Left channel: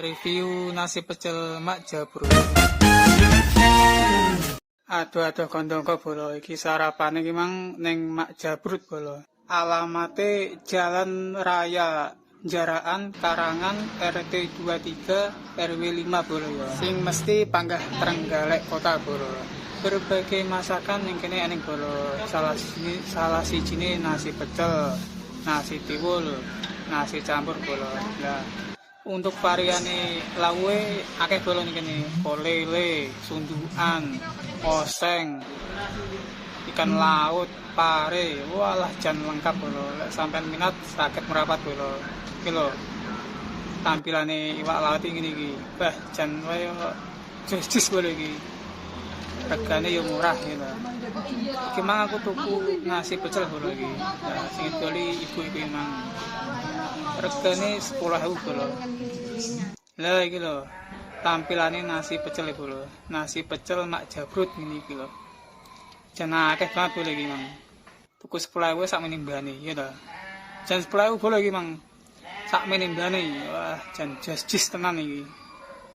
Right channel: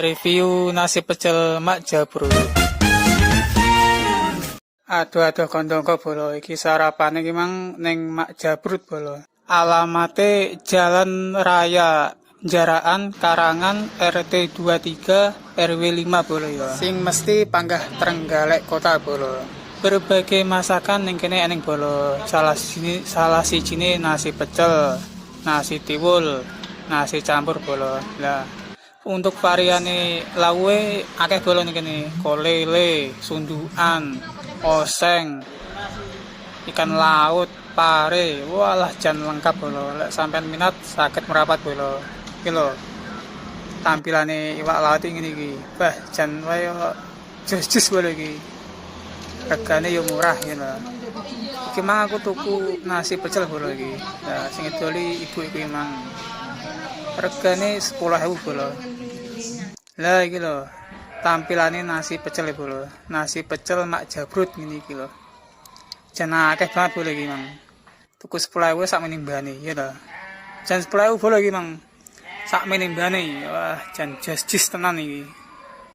Review nasi pecel Mak Jabrut. Aduh kondongko bolo iki sarapane iki mang ning Mak Jabrut bolo. Alamate Jalan Raya Jaraan Karangan RT 23 RW 5 bolo ya. Sing mesti panggah Trenggalek Kota bolo. Berbagai masakan ning kene ening bolo. Salah sijine nasi pecel, nasi tiwul, nasi campur bolo. Ya. Untuk variane lawe akeh bolo ning kene. Kolele, sundukan, oseng, ikan laut, pare, walah jan lengkap bolo. Lek sampean minat saged merapat bolo. Iki lho. Tampilane iwak laut ngene iki. Wah, jan wae jus bolo iki. Regane yo murah ngene lho. Iki mang aku tuku nasi pecel bolo iki. Ya sing doli ibu iki mang. Regane 10.000 bolo. Lah iki lho. Tampilane nasi pecel bolo. Nasi pecel Mak Jabrut ngene iki lho. Jan akeh banget bolo iki mang. Tuku 10.000 sak menimbane ya lho. Jan 10.000 bolo iki mang. Sak menimbane. Wah, jan jas tenan iki.